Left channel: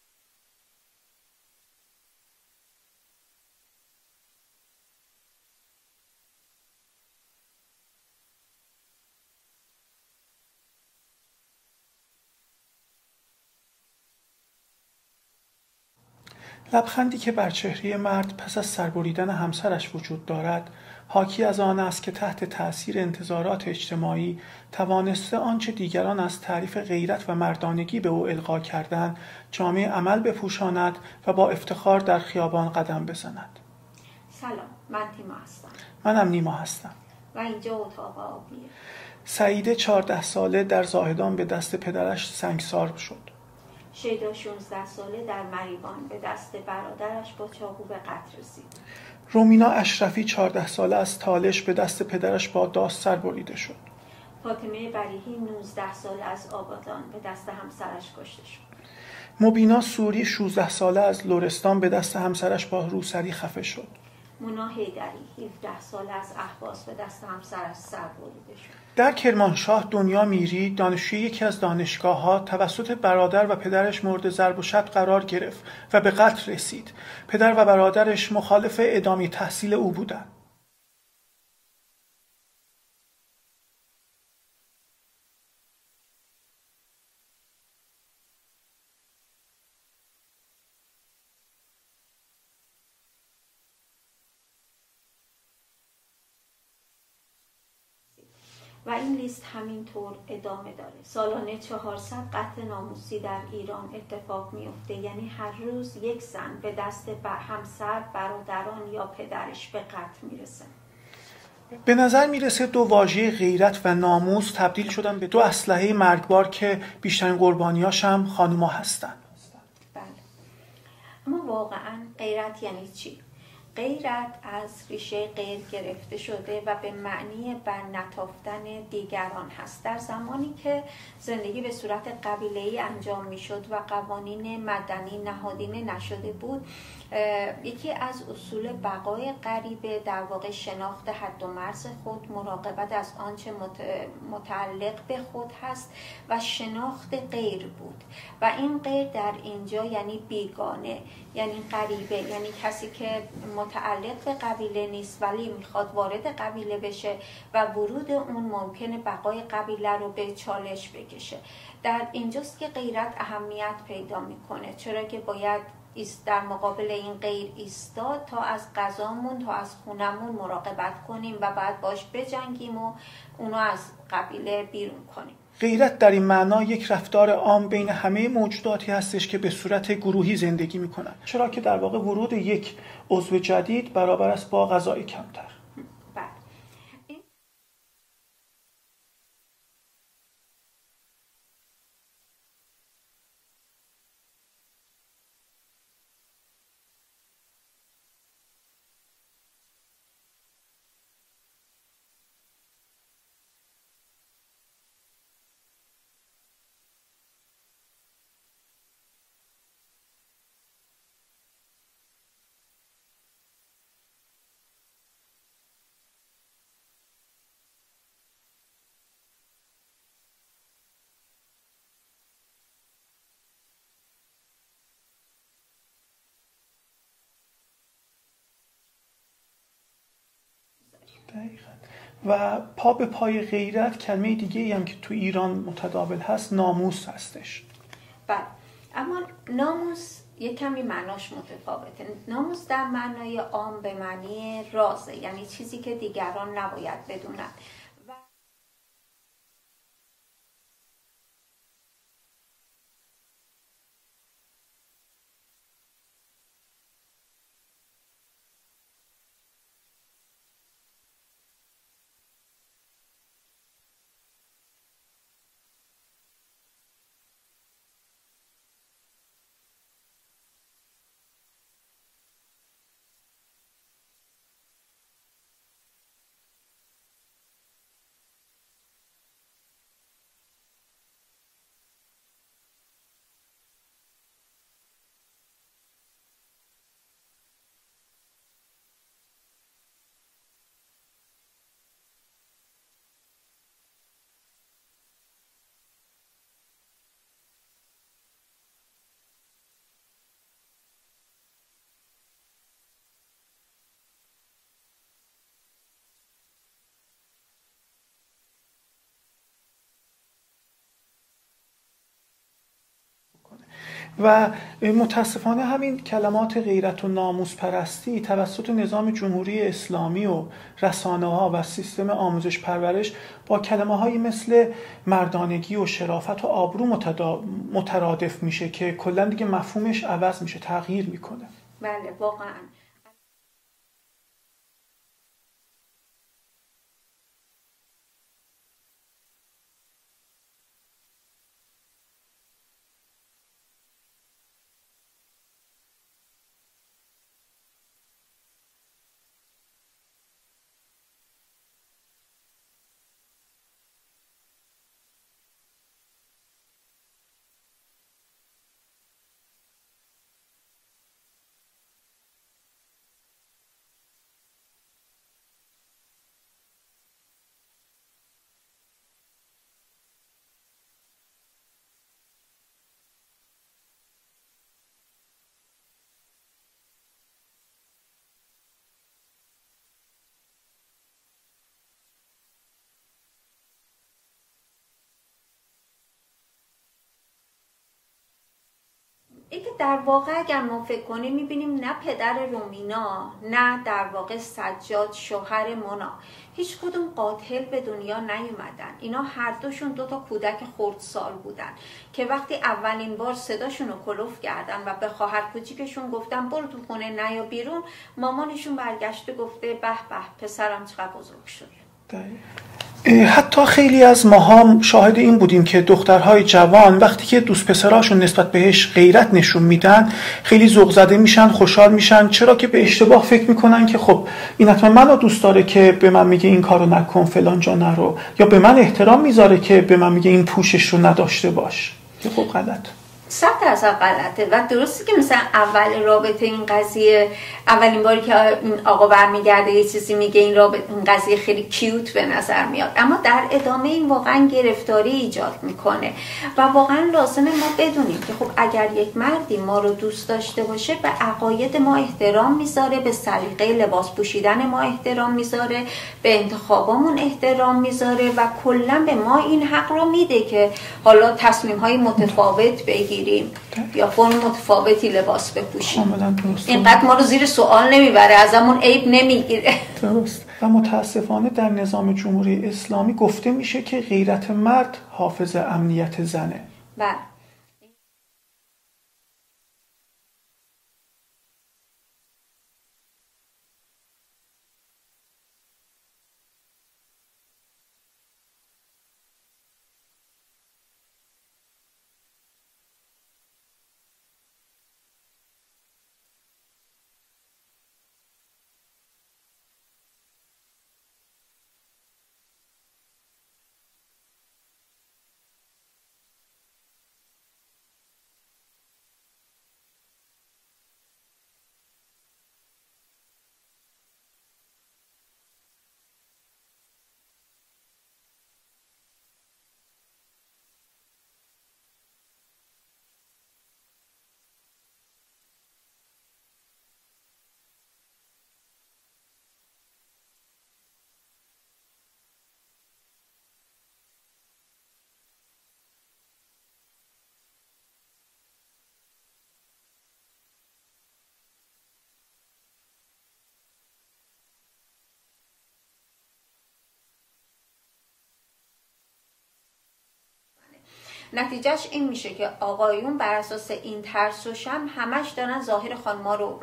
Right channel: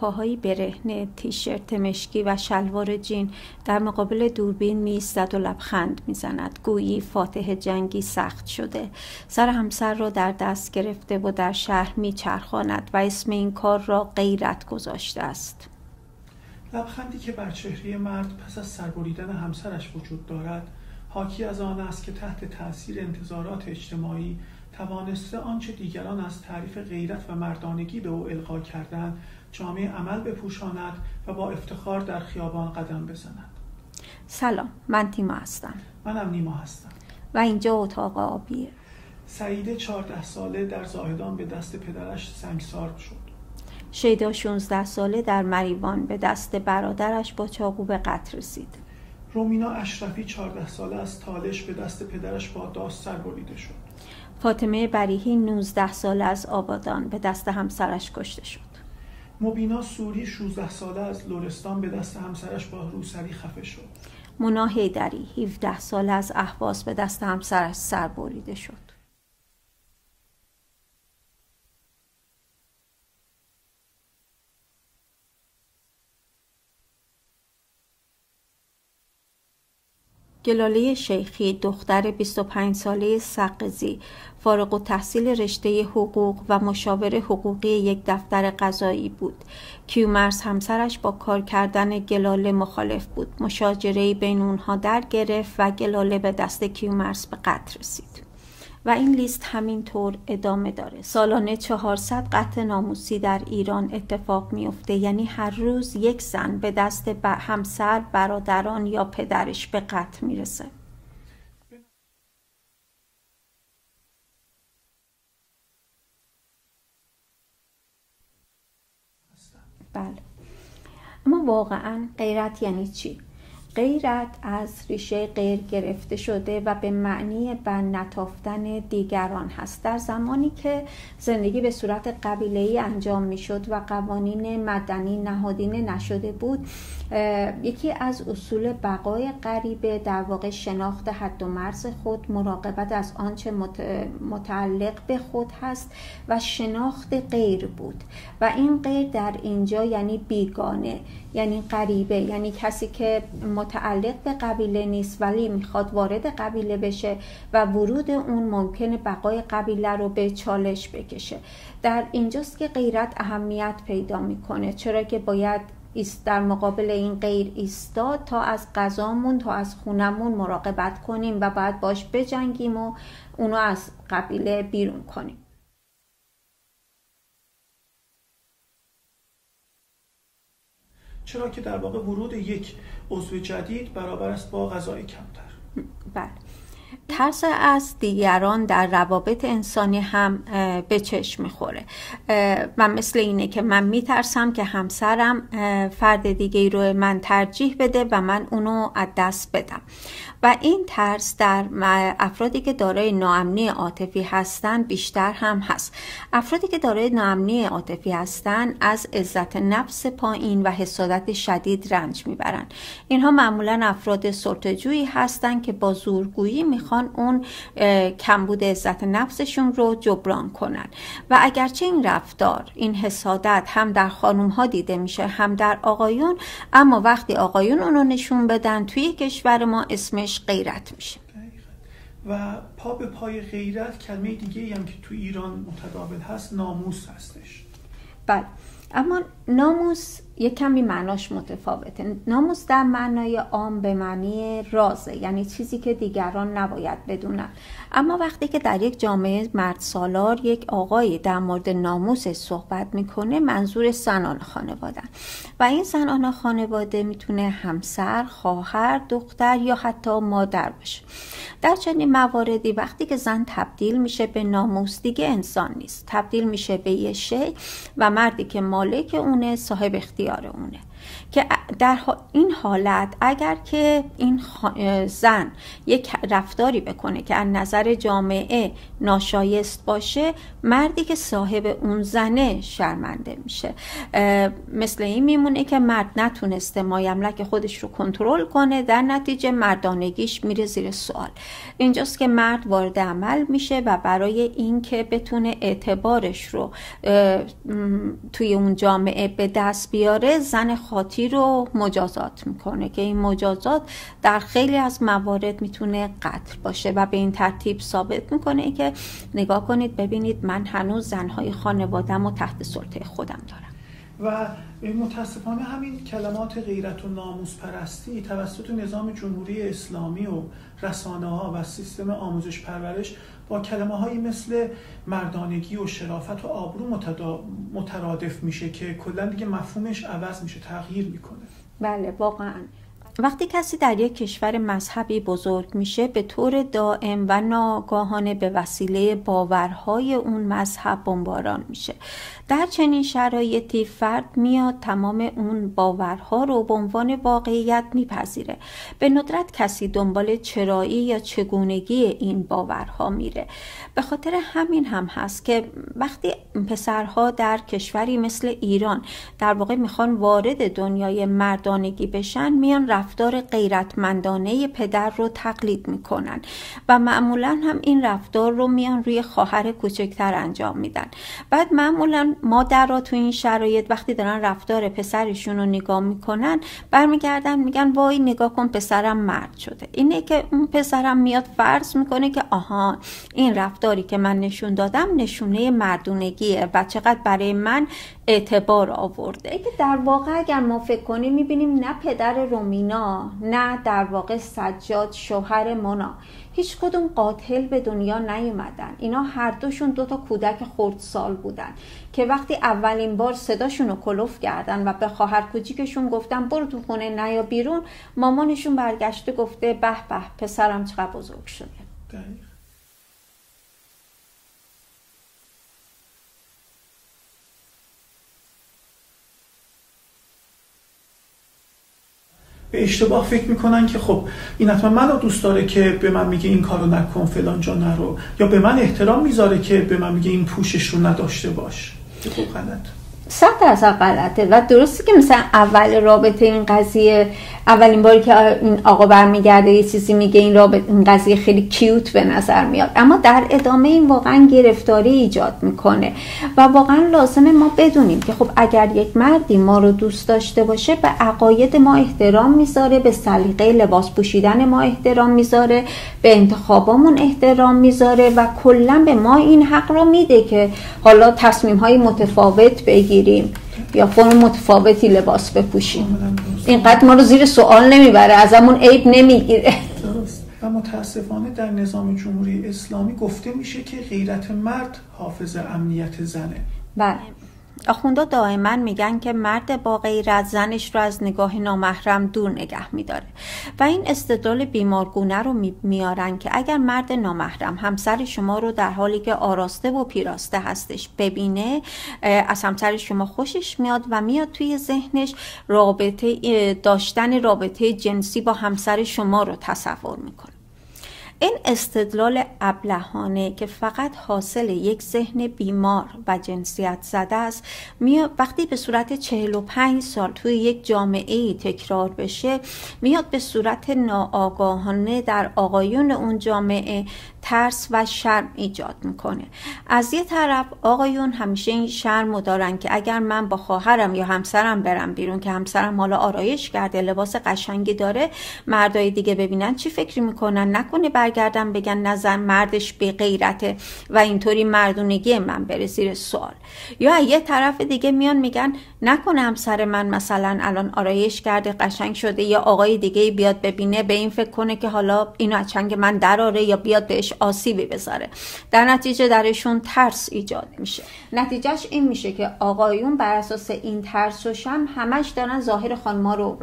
پاهایی برهنه، تیشرت مشکی و شلوار جین در مقابل دوربین می‌ایستد و لبخند می‌زند، گویی فاتح جنگی سخت شده. سر همسر را در دست گرفته و در شهر می‌چرخاند و اسم این کار را غیرت گذاشته است. لبخندی که بر چهره مرد پس از سربریدن همسرش وجود دارد، حاکی از آن است که تحت تأثیر انتظارات اجتماعی توانسته آنچه دیگران از تعریف غیرت و مردانگی به او القا کردند جامه عمل بپوشاند و با افتخار در خیابان قدم بزند. سلام، من تیما هستم. منم نیما هستم. و اینجا اتاق آبیه. سعیده 14 ساله در زاهدان به دست پدرش سنگسار شد. شیدا 16 ساله در مریوان به دست برادرش با چاقو به قتل رسید. رومینا اشرفی 14 ساله از تالش به دست پدرش با داس سربریده شد. فاطمه بریحی 19 ساله از آبادان به دست همسرش کشته شد. مبینا سوری 16 ساله از لرستان به دست همسرش با روسری خفه شد. مونا حیدری 17 ساله از اهواز به دست همسرش سربریده شد. در کرمانشاه دنیا میری دانشجوی یکی از دانشگاه‌ها توسط برادر و پدرش مورد ضرب و شتم قرار گرفت و به قتل رسید. پدر و برادرش مخالف ادامه تحصیل او بودند. گلاله شیخی دختر 25 ساله سقزی فارغ التحصیل رشته حقوق و مشاور حقوقی یک دفتر قضایی بود. کیومرث همسرش با کار کردن گلاله مخالف بود. مشاجره‌ای بین اونها در گرفت و گلاله به دست کیومرث به قتل رسید. و این لیست همینطور ادامه داره. سالانه 400 قتل ناموسی در ایران اتفاق میفته، یعنی هر روز یک زن به دست همسر، برادران یا پدرش به قتل میرسه. به نظر میرسه دو واژه غیرت و ناموس تبدیل شدن به دو اسلحه مرگبار که بیشترین قربانیاش هم خانوما هستن. بله. اما واقعا غیرت یعنی چی؟ غیرت از ریشه غیر گرفته شده و به معنی بر نتافتن دیگران هست. در زمانی که زندگی به صورت قبیله‌ای انجام میشد و قوانین مدنی نهادینه نشده بود، یکی از اصول بقای غریبه در واقع شناخت حد و مرز خود، مراقبت از آنچه متعلق به خود هست و شناخت غیر بود. و این غیر در اینجا یعنی بیگانه، یعنی غریبه، یعنی کسی که متعلق به قبیله نیست ولی میخواد وارد قبیله بشه و ورود اون ممکنه بقای قبیله رو به چالش بکشه. در اینجاست که غیرت اهمیت پیدا میکنه، چرا که باید در مقابل این غیر ایستاد تا از غذامون، تا از خونمون مراقبت کنیم و بعد باش بجنگیم و اونو از قبیله بیرون کنیم. غیرت در این معنا یک رفتار عام بین همه موجوداتی هستش که به صورت گروهی زندگی میکنن، چرا که در واقع ورود یک عضو جدید برابر است با غذای کمتر. بله. ترس از دیگران در روابط انسانی هم به چشم میخوره. من مثل اینه که من میترسم که همسرم فرد دیگه رو من ترجیح بده و من اونو از دست بدم. و این ترس در افرادی که دارای ناامنی عاطفی هستن بیشتر هم هست. افرادی که دارای ناامنی عاطفی هستن از عزت نفس پایین و حسادت شدید رنج میبرن. اینها معمولا افراد سلطه‌جویی هستن که با زورگویی میخوان اون کمبود عزت نفسشون رو جبران کنن. و اگرچه این رفتار، این حسادت هم در خانوم ها دیده میشه هم در آقایون، اما وقتی آقایون اونو نشون بدن توی کشور ما اسمش غیرت میشه. و پا به پای غیرت کلمه دیگه هم که تو ایران متداول هست ناموس هستش. بله، اما ناموس یک کمی معناش متفاوته. ناموس در معنای عام به معنی رازه، یعنی چیزی که دیگران نباید بدونن. اما وقتی که در یک جامعه مرد سالار یک آقایی در مورد ناموس صحبت میکنه، منظور زنان خانواده و این زنان خانواده میتونه همسر، خواهر، دختر یا حتی مادر باشه. در چنین مواردی وقتی که زن تبدیل میشه به ناموس، دیگه انسان نیست، تبدیل میشه به یه شی و مردی که مالک اونه صاحب اختیار اونه. که در این حالت اگر که این زن یک رفتاری بکنه که از نظر جامعه ناشایست باشه، مردی که صاحب اون زنه شرمنده میشه. مثل این میمونه که مرد نتونسته مایملک خودش رو کنترل کنه، در نتیجه مردانگیش میره زیر سوال. اینجاست که مرد وارد عمل میشه و برای این که بتونه اعتبارش رو توی اون جامعه به دست بیاره، زن خاطی رو مجازات میکنه که این مجازات در خیلی از موارد میتونه قتل باشه و به این ترتیب ثابت میکنه که نگاه کنید ببینید من هنوز زنهای خانواده‌مو و تحت سلطه خودم دارم. و متاسفانه همین کلمات غیرت و ناموس پرستی توسط نظام جمهوری اسلامی و رسانه‌ها و سیستم آموزش پرورش با کلمه‌هایی مثل مردانگی و شرافت و آبرو مترادف میشه که کلاً دیگه مفهومش عوض میشه، تغییر میکنه. بله واقعاً. وقتی کسی در یک کشور مذهبی بزرگ میشه، به طور دائم و ناگاهانه به وسیله باورهای اون مذهب بمباران میشه. در چنین شرایطی فرد میاد تمام اون باورها رو به عنوان واقعیت میپذیره. به ندرت کسی دنبال چرایی یا چگونگی این باورها میره. به خاطر همین هم هست که وقتی پسرها در کشوری مثل ایران در واقع میخوان وارد دنیای مردانگی بشن، میان رفتار غیرتمندانه پدر رو تقلید میکنن و معمولا هم این رفتار رو میان روی خواهر کوچکتر انجام میدن. بعد معمولا مادرها تو این شرایط وقتی دارن رفتار پسرشون رو نگاه میکنن، برمیگردن میگن وای نگاه کن پسرم مرد شده. اینه که اون پسرم میاد فرض میکنه که آها این رفتاری که من نشون دادم نشونه مردونگیه و چقدر برای من اعتبار آورده. که در واقع اگر ما فکر کنیم میبینیم نه پدر رومینا نه در واقع سجاد شوهر مونا هیچ کدوم قاتل به دنیا نیومدن. اینا هر دوشون 2 کودک خردسال بودن که وقتی اولین بار صداشون رو کلوف کردن و به خواهر کوچیکشون گفتن برو تو خونه نیا بیرون، مامانشون برگشته گفته به به پسرم چقدر بزرگ شده. حتی خیلی از ماها شاهد این بودیم که دخترهای جوان وقتی که دوست پسراشون نسبت بهش غیرت نشون میدن خیلی ذوق زده میشن، خوشحال میشن، چرا که به اشتباه فکر میکنن که خب این حتما منو دوست داره که به من میگه این کارو نکن فلان جا نرو، یا به من احترام میذاره که به من میگه این پوشش رو نداشته باش. خب غلط، 100% غلطه. و درسته که مثلا اول رابطه این قضیه، اولین باری که این آقا برمیگرده یه چیزی میگه این قضیه خیلی کیوت به نظر میاد، اما در ادامه این واقعا گرفتاری ایجاد میکنه و واقعا لازمه ما بدونیم که خب اگر یک مردی ما رو دوست داشته باشه به عقاید ما احترام میذاره، به سلیقه لباس پوشیدن ما احترام میذاره، به انتخابامون احترام میذاره و کلا به ما این حق رو میده که حالا تصمیم‌های متفاوت بگیریم یا فرم متفاوتی لباس بپوشیم. اینقدر ما رو زیر سوال نمیبره، ازمون عیب نمیگیره. درست. و متاسفانه در نظام جمهوری اسلامی گفته میشه که غیرت مرد حافظ امنیت زنه. بله. آخوندا دائما میگن که مرد با غیرت زنش رو از نگاه نامحرم دور نگه میداره و این استدلال بیمارگونه رو میارن که اگر مرد نامحرم همسر شما رو در حالی که آراسته و پیراسته هستش ببینه، از همسر شما خوشش میاد و میاد توی ذهنش داشتن رابطه جنسی با همسر شما رو تصور میکنه. این استدلال ابلهانه که فقط حاصل یک ذهن بیمار و جنسیت زده است، وقتی به صورت 45 سال توی یک جامعه تکرار بشه، میاد به صورت ناآگاهانه در آقایون اون جامعه ترس و شرم ایجاد میکنه. از یه طرف آقایون همیشه این شرم رو دارن که اگر من با خواهرم یا همسرم برم بیرون که همسرم حالا آرایش کرده، لباس قشنگی داره، مردای دیگه ببینن چی فکر میکنن، نکنه برگردن بگن نزن مردش بی غیرته و اینطوری مردونگی من بره زیر سوال. یا یه طرف دیگه میان میگن نکنه همسر من مثلا الان آرایش کرده قشنگ شده یا آقای دیگه بیاد ببینه به این فکر کنه که حالا اینو از چنگ من دراره یا بیاد بهش آسیبی بذاره. در نتیجه درشون ترس ایجاد میشه. نتیجهش این میشه که آقایون بر اساس این ترس و شرم همش دارن ظاهر خانما رو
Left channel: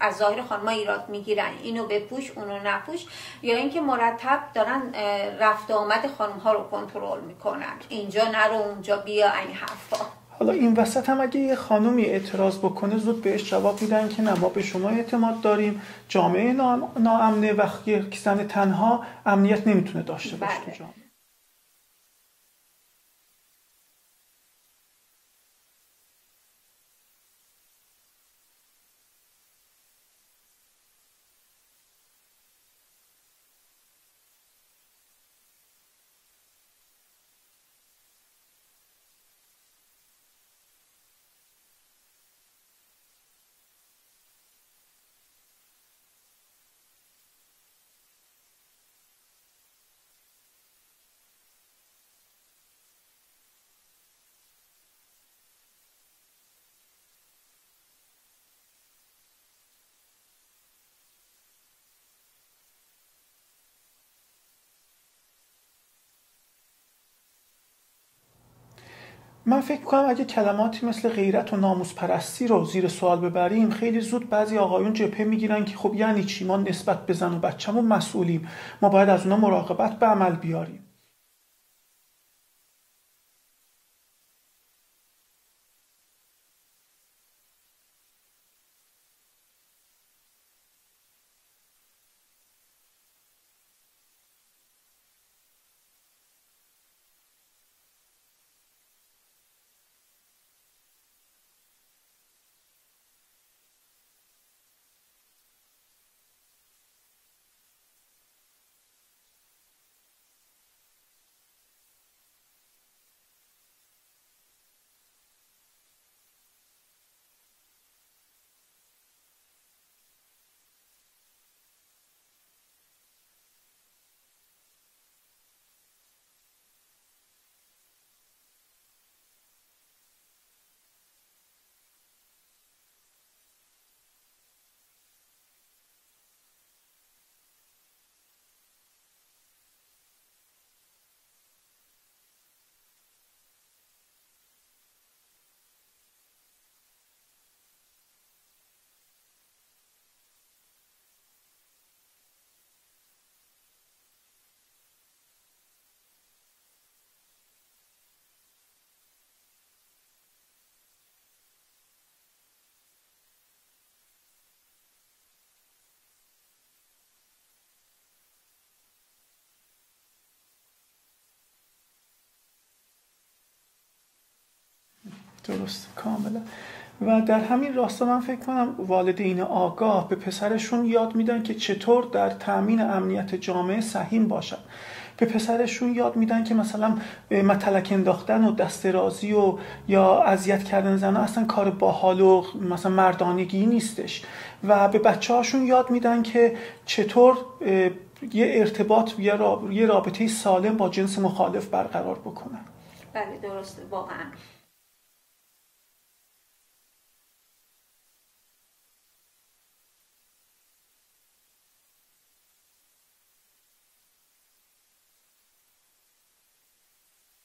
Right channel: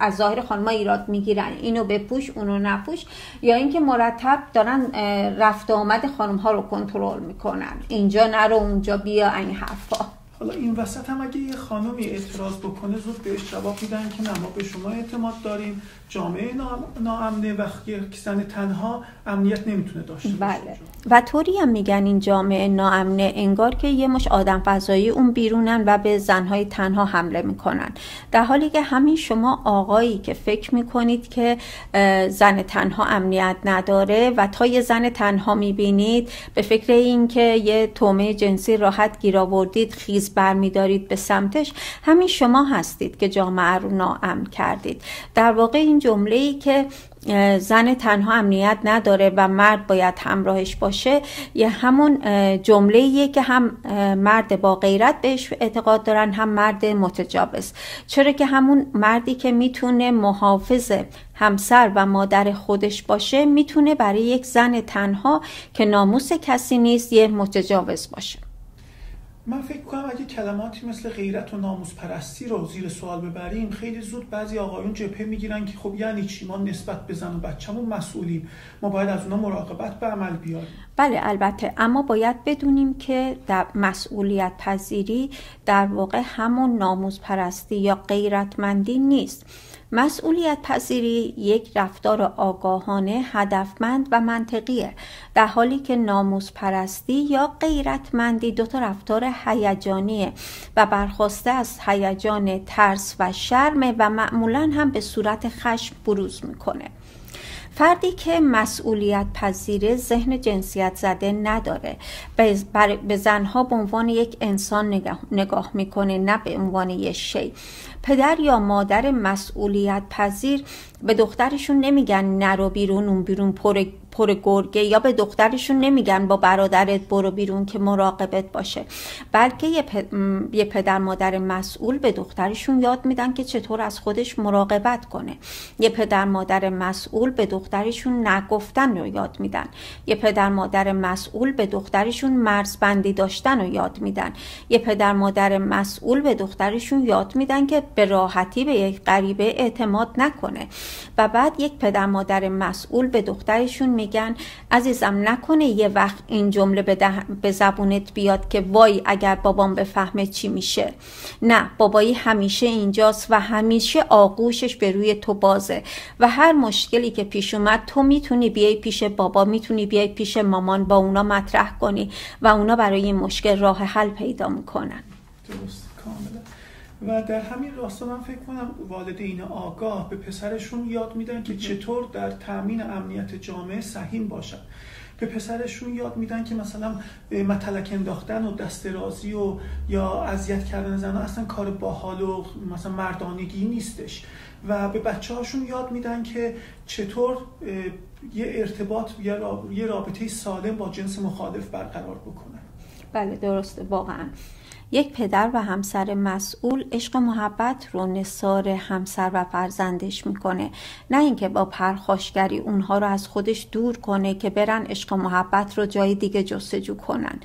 از ظاهر خانما ایراد میگیرن، اینو بپوش اونو نپوش، یا اینکه مرتب دارن رفت و آمد خانم ها رو کنترل میکنن، اینجا نرو اونجا بیا، این حرفا. حالا این وسط هم اگه یه خانومی اعتراض بکنه زود بهش جواب میدن که نه، ما به شما اعتماد داریم، جامعه ناامنه و یک زن تنها امنیت نمیتونه داشته باشه. و طوری هم میگن این جامعه ناامنه انگار که یه مش آدم فضایی اون بیرونن و به زنهای تنها حمله میکنن، در حالی که همین شما آقایی که فکر میکنید که زن تنها امنیت نداره و تا یه زن تنها میبینید به فکر این که یه تومه جنسی راحت گیر آوردید خیز برمیدارید به سمتش، همین شما هستید که جامعه رو ناامن کردید. در واقع این جمله‌ای که زن تنها امنیت نداره و مرد باید همراهش باشه یه همون جمله‌ایه که هم مرد با غیرت بهش اعتقاد دارن هم مرد متجاوز، چرا که همون مردی که میتونه محافظ همسر و مادر خودش باشه میتونه برای یک زن تنها که ناموس کسی نیست یه متجاوز باشه. من فکر می‌کنم اگه کلماتی مثل غیرت و ناموس پرستی رو زیر سوال ببریم خیلی زود بعضی آقایون جبهه میگیرن که خب یعنی چی، ما نسبت به زن و بچه‌مون مسئولیم، ما باید از اونا مراقبت به عمل بیاریم. بله البته، اما باید بدونیم که در مسئولیت پذیری در واقع همون ناموس پرستی یا غیرتمندی نیست. مسئولیت پذیری یک رفتار آگاهانه، هدفمند و منطقیه، در حالی که ناموس پرستی یا غیرتمندی دوتا رفتار هیجانیه و برخواسته از هیجان ترس و شرم و معمولاً هم به صورت خشم بروز میکنه. فردی که مسئولیت پذیره ذهن جنسیت زده نداره، به زنها به عنوان یک انسان نگاه میکنه، نه به عنوان یک شی. پدر یا مادر مسئولیت پذیر به دخترشون نمیگن نرو بیرون، اون بیرون پر گرگه، یا به دخترشون نمیگن با برادرت برو بیرون که مراقبت باشه، بلکه یه پدر مادر مسئول به دخترشون یاد میدن که چطور از خودش مراقبت کنه. یه پدر مادر مسئول به دخترشون نگفتن رو یاد میدن. یه پدر مادر مسئول به دخترشون مرزبندی داشتن رو یاد میدن. یه پدر مادر مسئول به دخترشون یاد میدن که به راحتی به یک غریبه اعتماد نکنه. و بعد یک پدر مادر مسئول به دخترشون میگن عزیزم نکنه یه وقت این جمله به زبونت بیاد که وای اگر بابام بفهمه چی میشه. نه، بابایی همیشه اینجاست و همیشه آغوشش به روی تو بازه و هر مشکلی که پیش اومد تو میتونی بیای پیش بابا، میتونی بیای پیش مامان، با اونا مطرح کنی و اونا برای این مشکل راه حل پیدا میکنن. درست، کاملا. و در همین راستا من فکر کنم والدین آگاه به پسرشون یاد میدن که چطور در تأمین امنیت جامعه سهیم باشن. به پسرشون یاد میدن که مثلا متلک انداختن و دست درازی و یا اذیت کردن زنها اصلا کار باحال و مثلا مردانگی نیستش. و به بچه‌هاشون یاد میدن که چطور یه ارتباط یه رابطه سالم با جنس مخالف برقرار بکنن. بله درسته، واقعا یک پدر و همسر مسئول عشق و محبت رو نثار همسر و فرزندش میکنه، نه اینکه با پرخاشگری اونها رو از خودش دور کنه که برن عشق و محبت رو جای دیگه جستجو کنن.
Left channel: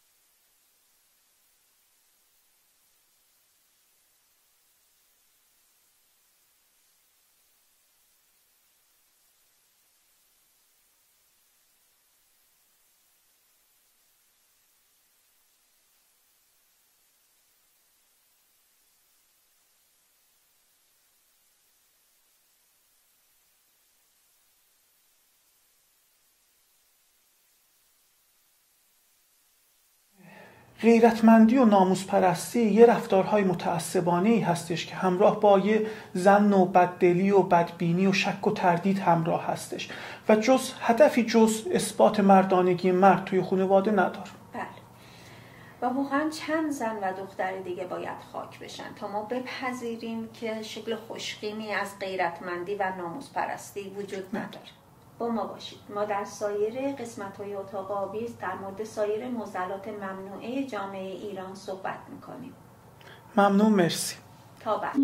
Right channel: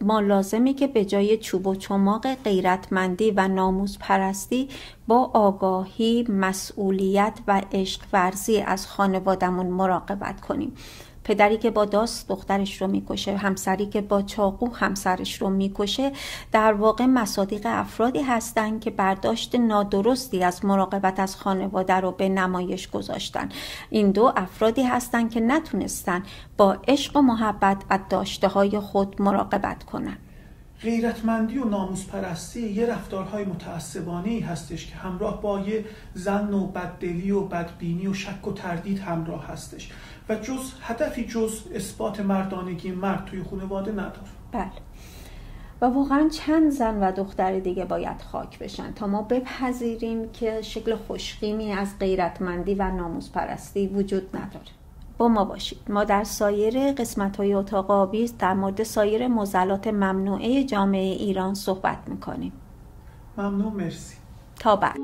ما لازمی که به جای چوب و چماق غیرتمندی و ناموس پرستی با آگاهی، مسئولیت و عشق ورزی از خانوادمون مراقبت کنیم. پدری که با داست دخترش رو میکشه، همسری که با چاقو همسرش رو میکشه، در واقع مصادیق افرادی هستن که برداشت نادرستی از مراقبت از خانواده رو به نمایش گذاشتن. این دو افرادی هستن که نتونستن با عشق و محبت از داشته‌های خود مراقبت کنن. غیرتمندی و ناموس پرستی یه رفتارهای متعصبانه‌ای هستش که همراه با یه ظن و بددلی و بدبینی و شک و تردید همراه هستش و هدفی جز اثبات مردانگی مرد توی خانواده نداره. بله. و واقعا چند زن و دختر دیگه باید خاک بشن تا ما بپذیریم که شکل خوشخیمی از غیرتمندی و ناموس پرستی وجود نداره. با ما باشید. ما در سایر قسمت‌های اتاق آویز در مورد سایر معضلات ممنوعه جامعه ایران صحبت می‌کنیم. ممنون، مرسی. تا بعد.